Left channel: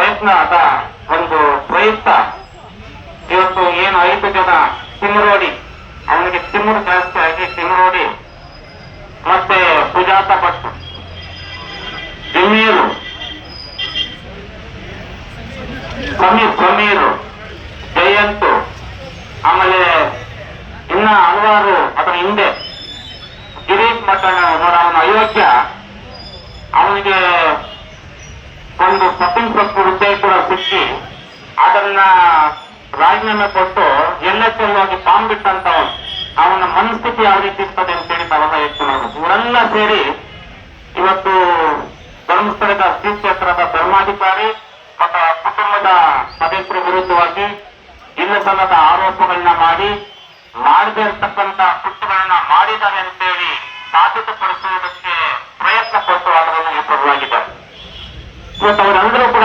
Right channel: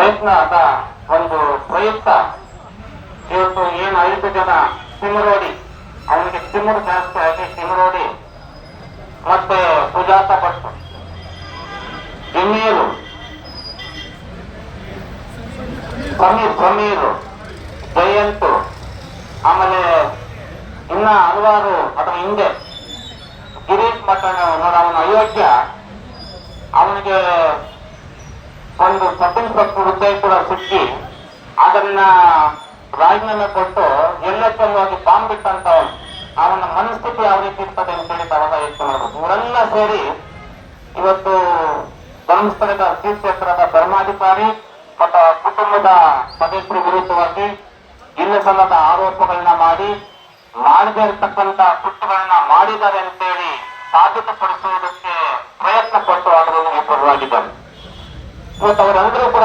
ಪ್ರಯತ್ನದ ಒಂದು ಪ್ರಯುಕ್ತ ಇವತ್ತು ಏನು 5 ಜನ ತಿಮ್ಮರೋಡಿ, ಅವನಿಗೆ ತಿಮ್ಮರು ಜಾಸ್ತಿ ಆಗಿ ತಿಮ್ಮರೋಡಿ ಮತ್ತೆ ಸುಜಾತ ಭಟ್, ಜಮೀರು, ಸಮೀರು, ಜಯಂತು, ಆಮೇಲೆ ಇನ್ನ ಹಲವಾರು ಅದರ ಹಿಂದೆ ಗಿರೀಶ್ ಮಠಣ ನೋಡ, ಅವನ ಅಯೋಗ್ಯ, ಅವನಿಗೆ ಒಂದು ಸ್ವತಂತ್ರ ಹುದ್ದೆ ಕೂಡ ಸಿಕ್ಕಿ ಅದನ್ನ ರಾಜೀನಾಮೆ ಕೊಟ್ಟು ಎಲ್ಲೆಲ್ಲಿ ಹೋಗಿ ಬಾಂಬ್ ಬಿಟ್ಟಂತವನು. ಅವನ ಮನಸ್ಥಿತಿ ಯಾವ ರೀತಿ ಇರ್ತದೆ ಅಂತೇಳಿ ತಾವೆಲ್ಲ ಹೇಳ್ಕೊಳ್ಳೋರು. ಇವರೆಲ್ಲ ಸೇರಿ ಇವತ್ತು ಧರ್ಮಸ್ಥಳದ ಶ್ರೀ ಕ್ಷೇತ್ರದ ಧರ್ಮಾಧಿಕಾರಿ ಮತ್ತು ಕುಟುಂಬದ ಸದಸ್ಯರ ವಿರುದ್ಧವಾಗಿ ಇಲ್ಲಸಲ್ಲದ ಆರೋಪಗಳನ್ನ ಮಾಡದೇ ಇರ್ತಕ್ಕಂಥ ಕೃತ್ಯಗಳನ್ನ ಮಾಡಿದ್ದಾರೆ ಅಂತೇಳಿ ಸಾಬೀತುಪಡಿಸುವುದಕ್ಕೆ ಪ್ರಯತ್ನ ಪಟ್ಟು ಅದರಲ್ಲಿ ವಿಫಲವಾಗಿದ್ದಾರೆ. ಇವತ್ತು ಅವರೆಲ್ಲರೂ ಕೂಡ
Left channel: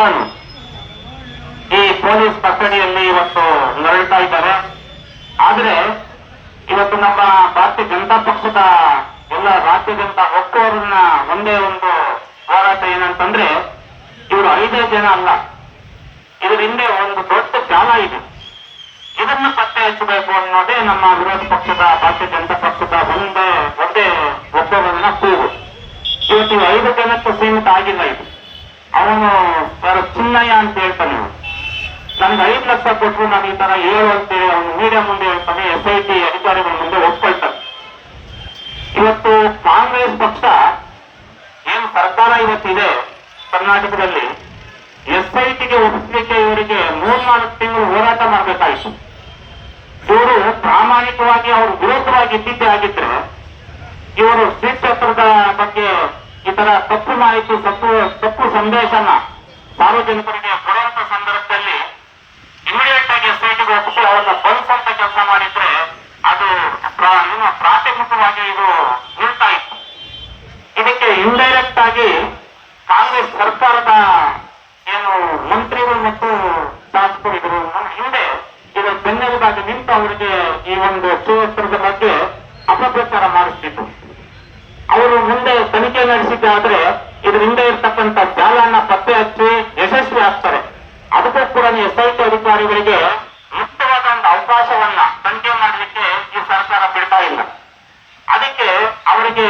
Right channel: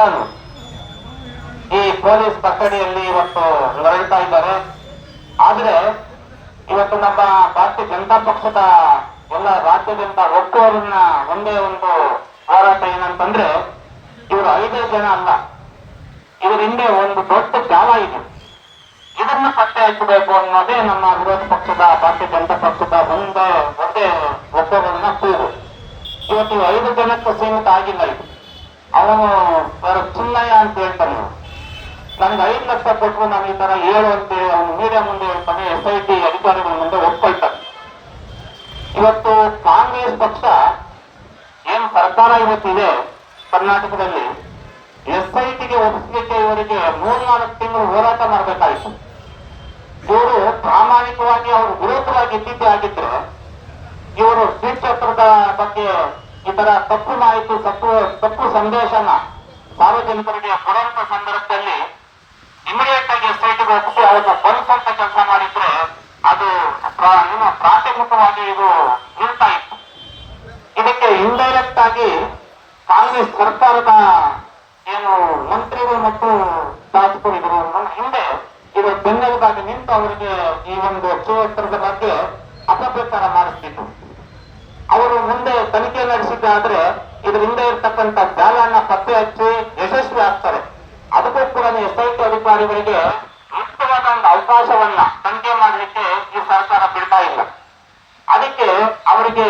ಈ ಪೊಲೀಸ್ ಕಸ್ಟಡಿಯಲ್ಲಿ ಇವತ್ತು ನರಳ್ತಾ ಇದ್ದಾರೆ. ಆದ್ರೆ ಇವತ್ತು ನಮ್ಮ ಭಾರತೀಯ ಜನತಾ ಪಕ್ಷದ ಎಲ್ಲ ರಾಜ್ಯದಿಂದ ಒಕ್ಕೂರನ್ನ ಒಂದೇ ಒಂದು ಹೋರಾಟ ಏನಂತಂದ್ರೆ, ಇವರು 5 ಜನ ಅಲ್ಲ, ಇದರ ಹಿಂದೆ ಒಂದು ದೊಡ್ಡ ಜಾಲ ಇದೆ. ಇದನ್ನ ಪತ್ತೆ ಹಚ್ಚಬೇಕು ಅನ್ನೋದೇ ನಮ್ಮ ವಿರೋಧ ಪಕ್ಷದ ಭಾರತೀಯ ಜನತಾ ಪಕ್ಷದ ಒಂದೇ ಒಕ್ಕೂರನ್ನ ಕೂಗು. ಇವತ್ತು 5 ಜನಕ್ಕೆ ಸೀಮಿತ ಆಗಿಲ್ಲ. ಇದು ಅವನು ಚಿನ್ನಯ್ಯ ಅಂತ ಹೇಳ್ತಾನೆ, ನನಗೆ 5 ಲಕ್ಷ ಕೊಟ್ಟರು ನಾನು ಈ ತರ ಹೇಳು ಅಂತೇಳಿ ಅವನು ಮೀಡಿಯಾ ಮುಂದೆ ಹೇಳ್ತಾನೆ, SIT ಅಧಿಕಾರಿಗಳ ಮುಂದೆ ಒಪ್ಕೊಳ್ತಾನೆ. ಇವತ್ತು ಕಾಂಗ್ರೆಸ್ ಪಕ್ಷ ಏನು ಸರ್ಕಾರ ಇವತ್ತಿದೆ ಕರ್ನಾಟಕದಲ್ಲಿ, SITಗೆ ಒಪ್ಪಿಸಲಿಕ್ಕೆ ಇವರಿಗೆ 3-4 ತಿಂಗಳು ಹೋರಾಟ ಮಾಡಬೇಕಾಯಿತು. ಇವರು ಪ್ರಾಮಾಣಿಕವಾಗಿ ಅವರು ವಿರೋಧವಾಗಿ ಇದ್ದಿದ್ದೇ ಆಗಿದ್ರೆ ಇವರು ಶ್ರೀ ಕ್ಷೇತ್ರದ ಬಗ್ಗೆ ಈ ತರ ತಪ್ಪು ಮಾಹಿತಿ, ತಪ್ಪು ಸಂದೇಶನ ಸಾರ್ವಜನಿಕರಿಗೆ ಕೊಡುವಂತ ಸಂದರ್ಭದಲ್ಲಿ ಇಮಿಡಿಯೇಟ್ ಆಗಿ SITಗೆ ಒಪ್ಪಿಸಿ ಅವ್ರನ್ನ ಬಂಧಿಸುವಂತ ಕೆಲಸ ಮಾಡಿದ್ರೆ ಅದು ನಿಮ್ಮ ಪ್ರಾಥಮಿಕವಾಗಿ ಇದು ನಿಲ್ತಾ ಇತ್ತು. ಇದಕ್ಕೆ ಇಂಡೈರೆಕ್ಟ್ ಆಗಿ ಕಾಂಗ್ರೆಸ್ ಸರ್ಕಾರದ ಏನು ಮಂತ್ರಿಗಳು ಮತ್ತು ಶಾಸಕರು ಇದ್ರು ಹಿಂದೆ ಇದು ಬೆನ್ನೆಲುಬಾಗಿ ನಿಂತು ಅವರಿಗೆ ಈ ಒಂದು ಕ್ಷೇತ್ರದ ಬಗ್ಗೆ ಅಪಪ್ರಚಾರ ಮಾಡಿಸ್ತಿತ್ತು. ಅವರು ಮುಂದೆ ತನಿಖೆ ನಡೆಸಿದ್ದೆ ಆದ್ರೆ ಇದ್ರ ಹಿಂದೆ ಇರ್ತಕ್ಕಂಥ ಜಾಲನ್ನ ಪತ್ತೆ ಹಚ್ಚಿ ಯಶಸ್ವಿ ಆಗ್ತಾರೆ. ಅದಕ್ಕೂ ಕೂಡ SIT ಅಧಿಕಾರಿಗಳಿಗೆ ಮುಕ್ತವಾದ ಒಂದು ಅವಕಾಶವನ್ನ ತನಿಖೆ ಮಾಡಲಿಕ್ಕೆ ಈ ಸರ್ಕಾರ ಬಿಡ್ತಾ ಇಲ್ಲ. ಅದಕ್ಕೆ ಅವರಿಗೆ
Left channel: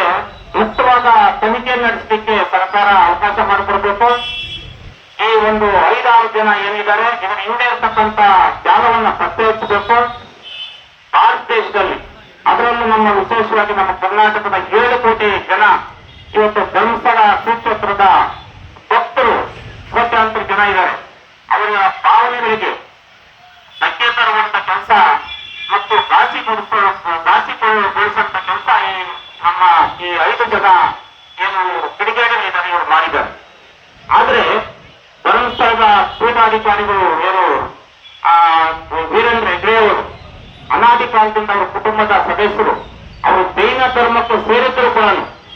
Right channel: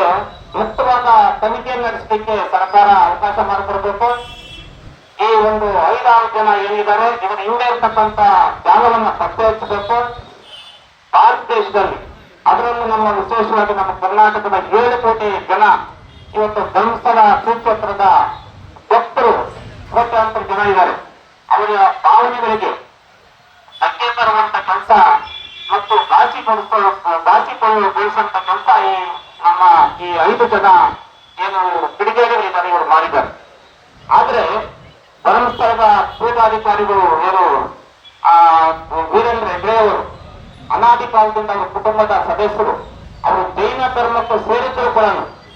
ಮುಕ್ತವಾದ ತನಿಖೆ ನಡೆಸಲಿಕ್ಕೆ ಸರ್ಕಾರ ಅವಕಾಶ ಮಾಡಿಕೊಡ್ಬೇಕು. ಈ ಒಂದು 5-6 ಜನ ಏನಿದ್ದಾರೆ ಇದರ ಹಿಂದೆ ಇರ್ತಕ್ಕಂಥ ಜಾಲವನ್ನ ಪತ್ತೆ ಹಚ್ಚಬೇಕು. ಭಾರತ ದೇಶದಲ್ಲಿ ಅದರಲ್ಲೂ ನಮ್ಮ ವಿಶೇಷವಾಗಿ ನಮ್ಮ ಕರ್ನಾಟಕದ 7 ಕೋಟಿ ಜನ ಇವತ್ತು ಧರ್ಮಸ್ಥಳ ಶ್ರೀ ಕ್ಷೇತ್ರದ ಭಕ್ತರು ಕೋಟ್ಯಾಂತರ ಜನ ಇದ್ದಾರೆ. ಅವರ ಭಾವನೆಗಳಿಗೆ ಧಕ್ಕೆ ತರುವಂತ ಕೆಲಸ ಮತ್ತು ಘಾಸಿಗೊಳಿಸುವಂತ ಕೆಲಸ ನಮ್ಮ ಈ 5 ಜನ ಏನು ಕಿಡಿಗೇಡಿಗಳಿದ್ದಾರೆ ಇವರು ಮಾಡಿದ್ದಾರೆ. ಆದ್ರೆ ಧರ್ಮಸ್ಥಳದ ಪೂರ್ವಾಧಿಕಾರಿಗಳು ಏನು ವೀರೇಂದ್ರ ಹೆಗ್ಡೆ ಅವರು ಅನಾದಿ ಕಾಲದಿಂದ ಅವರ ಕುಟುಂಬದ ಸದಸ್ಯರು ಅವರು ಜೈನ ಧರ್ಮಕ್ಕೆ ಸೇರಿದ್ರು ಕೂಡ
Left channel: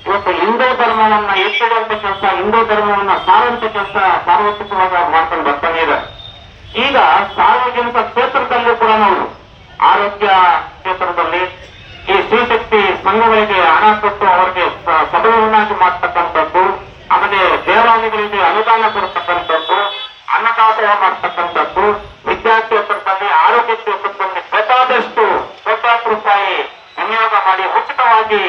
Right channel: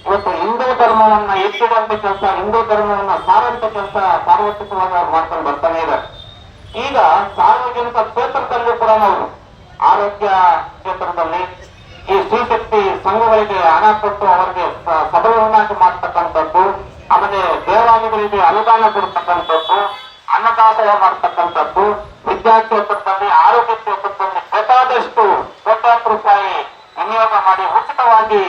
ಇವತ್ತು ಹಿಂದೂ ಧರ್ಮವನ್ನ ಎತ್ತುವಂತ ಕೆಲಸ, ಹಿಂದೂ ಧರ್ಮವನ್ನ ಸಾರುವಂತ ಕೆಲಸ ಸಾರ್ವತ್ರಿಕವಾಗಿ ಅವ್ರು ಮಾಡ್ಕೊಂಡು ಬರ್ತಾನೆ ಇದ್ದಾರೆ. ಈಗ ಸಾರ್ವಜನಿಕ ಕ್ಷೇತ್ರದಲ್ಲೂ ಕೂಡ ನಾವು ಆರೋಗ್ಯ ಕ್ಷೇತ್ರದಲ್ಲಿ ಈ ಶ್ರೀಶಕ್ತಿ ಸಂಘಗಳಿಗೆ ಹಣ ಕೊಟ್ಟು ಅವರಿಗೆ ಸಬಲವನ್ನಾಗಿ ಮಾಡ್ತಕ್ಕಂಥದ್ದು, ಆಮೇಲೆ ದೇವಾಲಯಗಳಿಗೆ ಅನುದಾನ ಕೊಡ್ತಕ್ಕಂಥದ್ದು, ಅನ್ನದಾಸೋಹ ಮಾಡ್ತಕ್ಕಂಥದ್ದು, ವಿದ್ಯಾಕ್ಷೇತ್ರದಲ್ಲಿ ಆರೋಗ್ಯ ಕ್ಷೇತ್ರದಲ್ಲಿ ಬೇಕಾದಷ್ಟು ಕೋಟ್ಯಾಂತರ ರೂಪಾಯಿ ವಿನಿಯೋಗ ಮಾಡಿ ಉಚಿತವಾಗಿ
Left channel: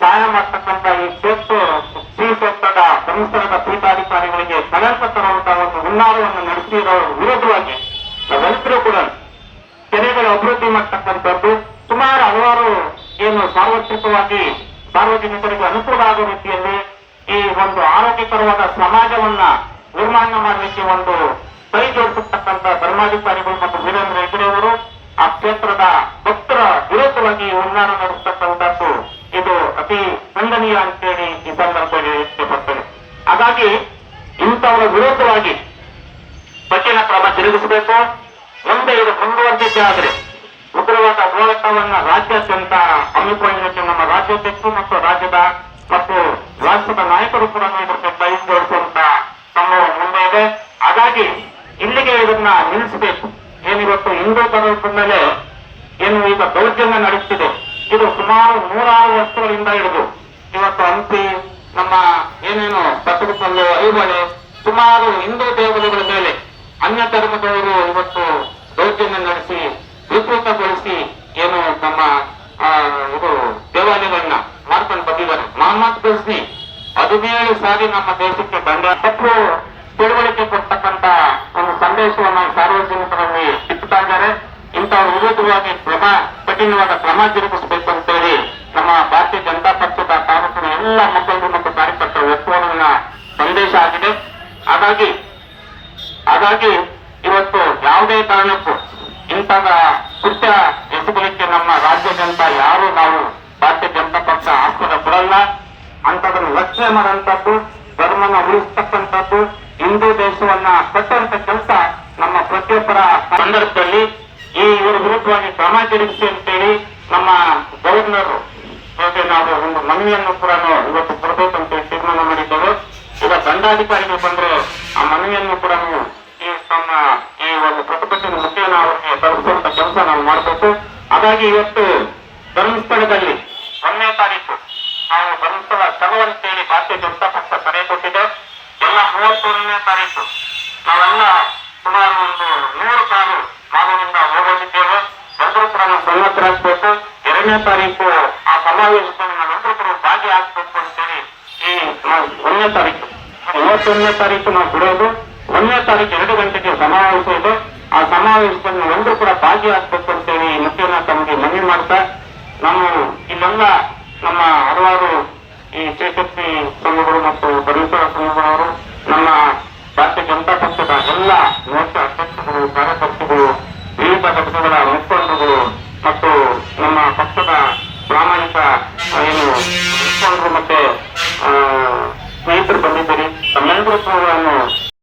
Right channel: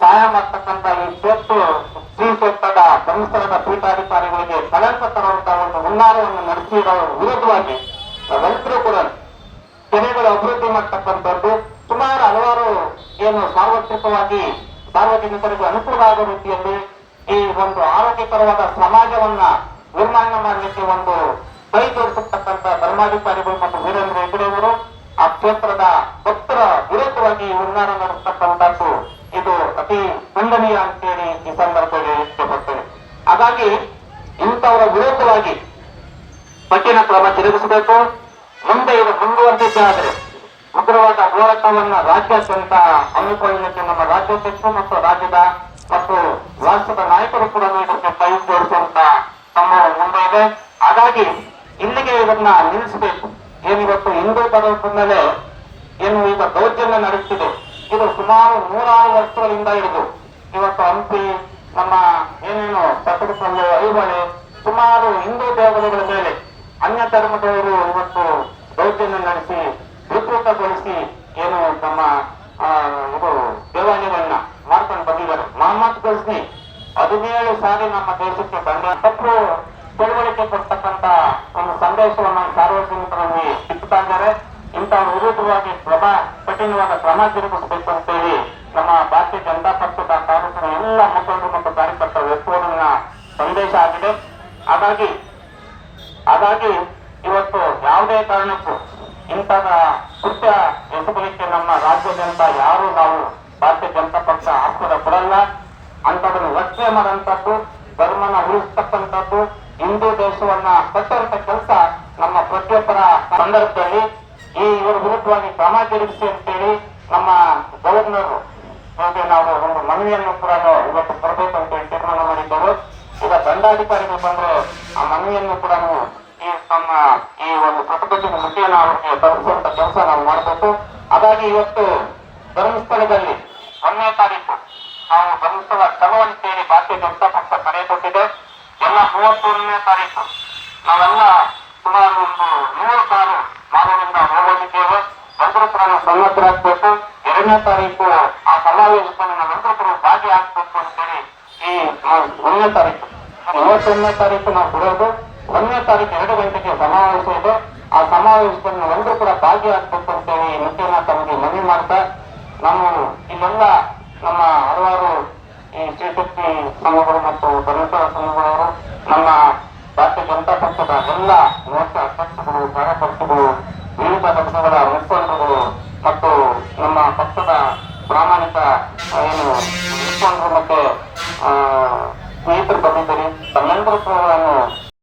ಸಹಾಯ ಮಾಡ್ತಕ್ಕಂಥ ಈ ಶ್ರೀ ಕ್ಷೇತ್ರದ ಧರ್ಮಸ್ಥಳದ ಪೀಠಾಧಿಕಾರಿಗಳಿಗೆ ಕಳಂಕ ತರುವಂತಹ ಒಂದು ಹುನ್ನಾರವನ್ನು ನಡೆಸಿರೋ ವಿರುದ್ಧವಾಗಿ ನಾವೆಲ್ಲರೂ ಕೂಡ ಕೆರೆಗಳ ಅಭಿವೃದ್ಧಿ ಮಾಡ್ತಕ್ಕಂಥದ್ದು, ಸುಮಾರು ಹಲವಾರು ಏನು ಸಾರ್ವತ್ರಿಕವಾಗಿ ಸಾರ್ವಜನಿಕರಿಗೆ ಅನುಕೂಲ ಆಗುವ ರೀತಿಯಲ್ಲಿ ಈ ಒಂದು ಆರೋಗ್ಯಕರವಾದ ಸಮಾಜವನ್ನ ನಿರ್ಮಾಣ ಮಾಡಲಿಕ್ಕೆ ಒಂದು ಕೈ ಜೋಡಿಸತಕ್ಕಂಥ ಧರ್ಮಾಧಿಕಾರಿಗಳು ಮತ್ತು ವೀರೇಂದ್ರ ಹೆಗ್ಡೆ ಅವರು ಆ ಕ್ಷೇತ್ರದ ಭಕ್ತರ ವಿರುದ್ಧವಾಗಿ ಹುನ್ನಾರ ನಡೆಸತಕ್ಕಂಥದ್ದು ಇದು ಅತಿ ಖಂಡನೀಯ ಅಂತೇಳಿ ಈ ಸಂದರ್ಭದಲ್ಲಿ ಇಷ್ಟಪಡ್ತೇನೆ. ಹಾಗಾಗಿ ಇಂಥವರ ವಿರುದ್ಧವಾಗಿ ಕಠಿಣ ಕ್ರಮ ಜರುಗಿಸಬೇಕು. ಮುಂದೆ ಇದು ಮುಂದುವರೆದಿದ್ದೇ ಆದರೆ ಉಗ್ರವಾದ ಹೋರಾಟವನ್ನ ರಾಜ್ಯಾದ್ಯಂತ ಹಮ್ಮಿಕೊಳ್ಳಲಿಕ್ಕೆ ನಮ್ಮ ರಾಜ್ಯಾಧ್ಯಕ್ಷರು ಮತ್ತು ರಾಜ್ಯದ ಮತ್ತು ರಾಷ್ಟ್ರದ ನಾಯಕರು ಕೂಡ ಇದಕ್ಕೆ ಕೈ ಜೋಡಿಸುವಂತ ಸಂಭವ ಮುಂದೆ ಇದೆ. ಹಾಗಾಗಿ ಇಲ್ಲಿಗೆ ಇದನ್ನ ನಿಲ್ಲಿಸಬೇಕು. ಏನಿವತ್ತು ಹಿಂದೂ ಧರ್ಮದ ಮೇಲೆ ಏನು ಈಗ ದೌರ್ಜನ್ಯ ನಡೆಯುತ್ತಿದೆ, ಇದು ಸುಮಾರು 106 ವರ್ಷಗಳಿಂದ ಹಿಡಿದು ಇವತ್ತು ಹಂಪಿ, ನಮ್ಮ ಏನೇನು ಪಟ್ಟದಕಲ್ಲು, ಐಹೊಳೆ ಸುಮಾರು ಹಿಂದೂ ದೇವಾಲಯಗಳ ಮೇಲೆ ಅನ್ಯ ಧರ್ಮದವರು ಇವತ್ತು ದೌರ್ಜನ್ಯ ನಡೆಸಿ ವಿಕೃತಗೊಳಿಸಿ ಏನು ನಮ್ಮ ಇದು ದೇವಾಲಯಗಳನ್ನ ಮಾಡ್ಕೊಂಡು ಬಂದಿದ್ದಾರೆ. ಮೊಹಮ್ಮದ್ ಗಜ್ನಿ 17 ಸಾರಿ ನಮ್ಮ ದೇಶಕ್ಕೆ ಬಂದ ತಪ್ಪು ತಿಳುವಳಿಕೆ ಕೊಡ್ತಕ್ಕಂತ ಒಂದು ಸಂದೇಶವನ್ನು ಸಾರ್ವಜನಿಕರಲ್ಲಿ ಬಿತ್ತುತ್ತಾ ಇದ್ದಾರೆ. ಇಂತಹ ವಿರುದ್ಧವಾಗಿ ಕಠಿಣವಾದ ಕ್ರಮ ಜರುಗಿಸಬೇಕು ಅಂತೇಳಿ ನಮ್ಮ ಭಾರತೀಯ ಜನತಾ ಪಕ್ಷದ ತಾಲೂಕಿನ ಎಲ್ಲ ಮುಖಂಡರು ಮತ್ತು ಕಾರ್ಯಕರ್ತರ ಒತ್ತಡಗಳ ಸಂದೇಶ ಆಗಿದೆ. ಹಾಗಾಗಿ ಇವತ್ತು ಯಾವುದೇ ಕಾರಣಕ್ಕೂ ಇಂತಹ ಕೃತ್ಯ ಎಸಗಲಿಕ್ಕೆ ನಮ್ಮ ರಾಜ್ಯಾದ್ಯಂತ ಯಾರು ನಾವು ಭಾರತೀಯ ಜನತಾ ಪಕ್ಷ ಆಸ್ಪದ ಕೊಡಲ್ಲ. ಅಂತದನ್ನು ರಕ್ಷಣೆ ಮಾಡುವಂತದ್ದು, ಧರ್ಮನ ಉಳಿಸ್ತಕ್ಕಂಥದ್ದು, ಹಿಂದೂ ದೇಶವನ್ನ ಕಟ್ಟುವಂತ ಕೆಲಸ ನಮ್ಮ ಪ್ರತಿಯೊಬ್ಬರ ಸಂದರ್ಭದಲ್ಲಿ ಇವರು ವಿರುದ್ಧವಾಗಿ ಕ್ರಮ ಜರುಗಿಸಿ ಅಂತೇಳಿ ನಮ್ಮ ಗವರ್ನರ್ ನಾವು ಒಂದು ಮನವಿಯನ್ನು ಕೂಡ ಇವತ್ತು ಕೊಡಬೇಕು ಅಂತ ತೀರ್ಮಾನ ಮಾಡಿದ್ದೇವೆ. ಈಗ ದಂಡಾಧಿಕಾರಿಗೆ ಬಂದ್ರೆ ಆ ಮನವಿಯನ್ನು ಕೂಡ ಈ ಒಂದು ಪ್ರತಿಭಟನೆ ಮುಖೇನ ಅವರಿಗೆ ತಲುಪಿಸುವಂತ ಕೆಲಸ ನಾವು ಮಾಡಬೇಕು. ಹಾಗಾಗಿ ಇವತ್ತು ಧರ್ಮಸ್ಥಳದಲ್ಲಿ 1ನೇ ತಾರೀಕು ನಾವು ಧರ್ಮಸ್ಥಳ ಚಲೋ ಅಂತೇಳಿ ಭಾರತೀಯ ಜನತಾ ಪಕ್ಷ ಕರೆ ಕೊಟ್ಟಿದೆ. ಎಲ್ಲ 31ನೇ ತಾರೀಕು ನಾವೆಲ್ಲ ಸುಮಾರು ಒಂದು 100 ಕಾರು ಮಾನವರಿಂದ ಹೋಗೋದಿದ್ದೇವೆ. ಎಲ್ಲರೂ ಕೂಡ ನಾವು ಸನ್ನದ್ಧರಾಗಬೇಕು. 2ನೇ ತಾರೀಕು ಆ ಸಮಾವೇಶದಲ್ಲಿ ನಾವೆಲ್ಲರೂ ಕೂಡ ಭಾಗಿಯಾಗಬೇಕು ಅಂತೇಳಿ ಈ 1ನೇ ತಾರೀಕು 31ನೇ ತಾರೀಕು ನಾವು ಬಿಡೋದು. 1ನೇ ತಾರೀಕು 2 ಗಂಟೆಗೆ ಸಮಾವೇಶ ಇದೆ. ಆ ಸಮಾವೇಶದಲ್ಲಿ ನಾವೆಲ್ಲರೂ ಕೂಡ ಭಾಗಿಯಾಗಬೇಕು ಅಂತೇಳಿ ಮುಖ್ಯನ ತಮಗೆ ಮನವಿ ಮಾಡ್ತಾ ಇನ್ನೆಲ್ಲ ನಮ್ಮ ಹಲವಾರು ಈ ಶ್ರೀಶಕ್ತಿ ಸಂಘಗಳು ಮತ್ತು ಧರ್ಮಸ್ಥಳ ಸಂಘಗಳವರು, ನಮ್ಮ ಭಾರತೀಯ ಜನತಾ ಪಕ್ಷದ ಎಲ್ಲ ಮೋರ್ಚಾ ಅಧ್ಯಕ್ಷರು, ಕಾರ್ಯಕರ್ತರು, ವಿವಿಧ ಪಕ್ಷಗಳ ಮುಖಂಡರುಗಳು ಮತ್ತು ನಮ್ಮ ಪಕ್ಷದ ಪ್ರಾಮಾಣಿಕ ಏನು ಮುಖಂಡರು ಮತ್ತೆ ಸ್ನೇಹಿತರು ಬಂದಿದ್ದೀರಿ. ತಮ್ಮೆಲ್ಲರೂ